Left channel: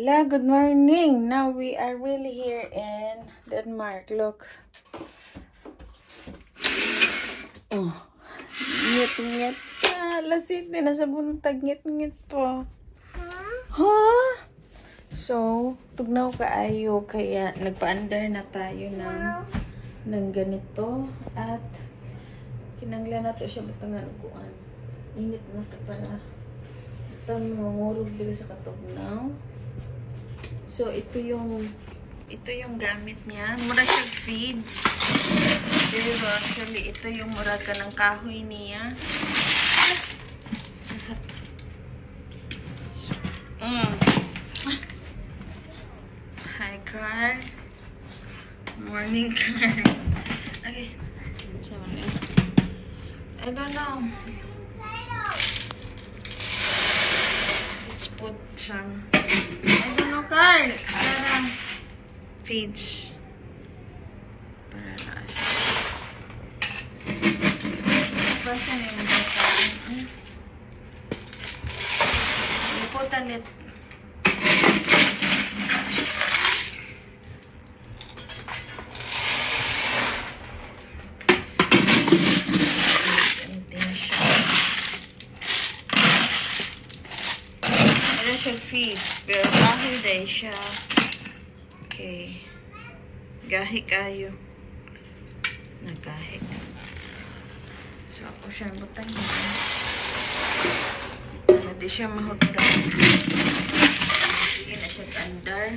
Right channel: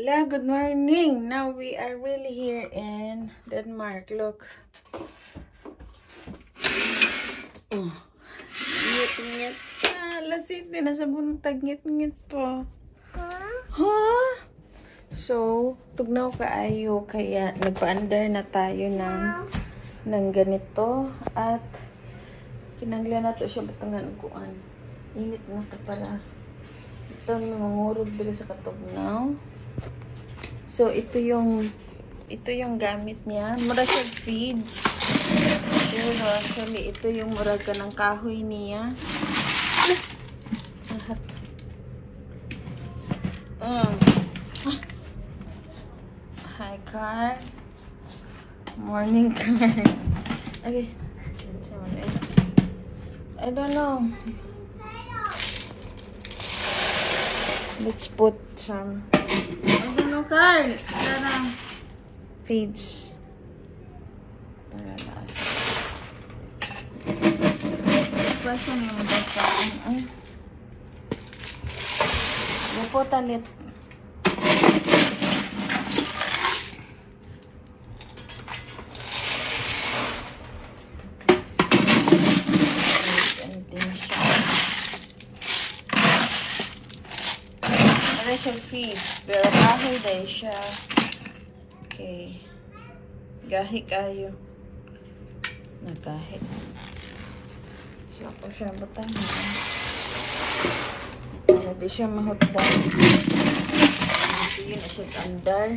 La, good morning. Now we are really here in Denmark. Look. Oh. Ngit-ngit. Lasit din. Nasa buntag. Ngit-ngit po. Huh? So, tugnaw kaayo. Kaya nagpa-under na tayo ng ganito. At kinanglan na to siya batangan kuan. Init na ito pala. Ito may mangurog dito sa katugnaw. So, ito yung gamit niya. Mura siya feeds. Pero actually, ito yung mura ka ng kahoy niya. Hi, car. Morning, car. Okay. I don't know. Let's put some... card para feeds para lahat. Basta na yung bata. Liputan ulit. Ano siya feeds, pero kahoy dahil siya. Okay. Gahi kayo. Nagahi. So, ako siya butang niya. Hindi siya mahutang. Sige na siya tandar.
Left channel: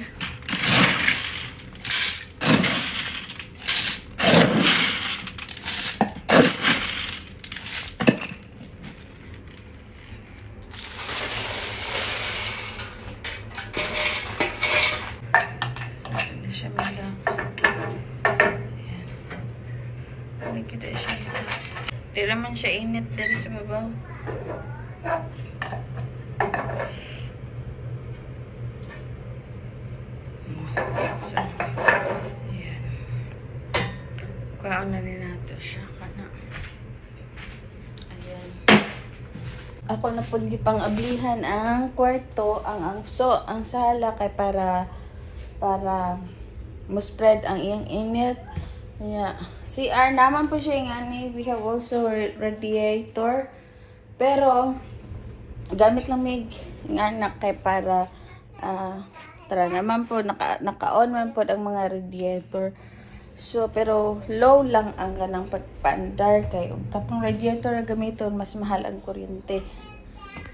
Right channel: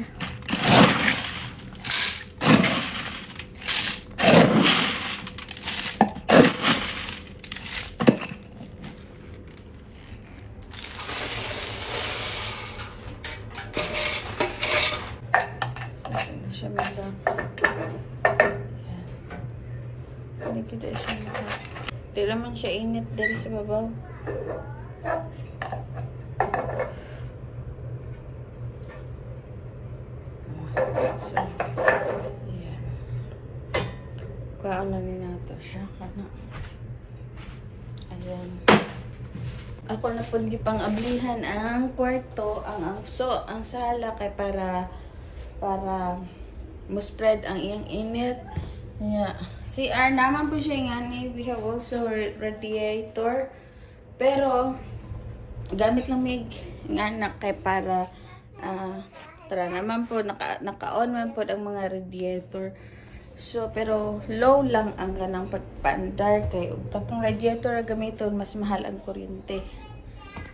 Di naman siya init din sa babaw. So, yan. Kuhaan na rin natin siya. Kana. Ayan. Ako na po di pang ablihan ang kwarto, ang sala kay para mo-spread ang iyang init. Yeah. CR naman po siya nga ni. We have also radiator. Pero, gamit lang may anak kay para tara naman po, naka-on man po ang mga radiator. So, pero low lang ang kanang pagpandar kay katong radiator gamiton, mas mahal ang kuryente.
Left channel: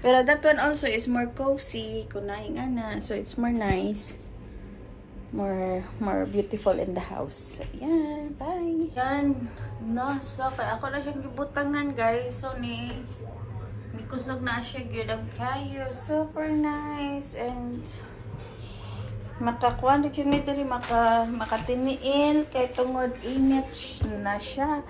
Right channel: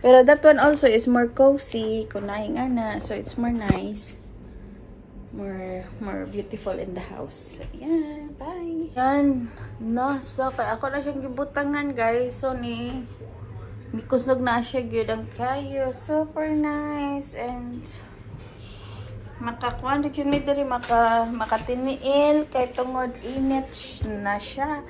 Pero that one also is more cozy. Kunahin nga na. So, it's more nice. More beautiful in the house. So, yan. Bye. Yan. No, so, kaya ako na siyang gibutangan, guys. So, kusog na siya good ang kayo. Super nice. And, makakuha na siya nito rin, makatiniil. Kay tungod init na siya.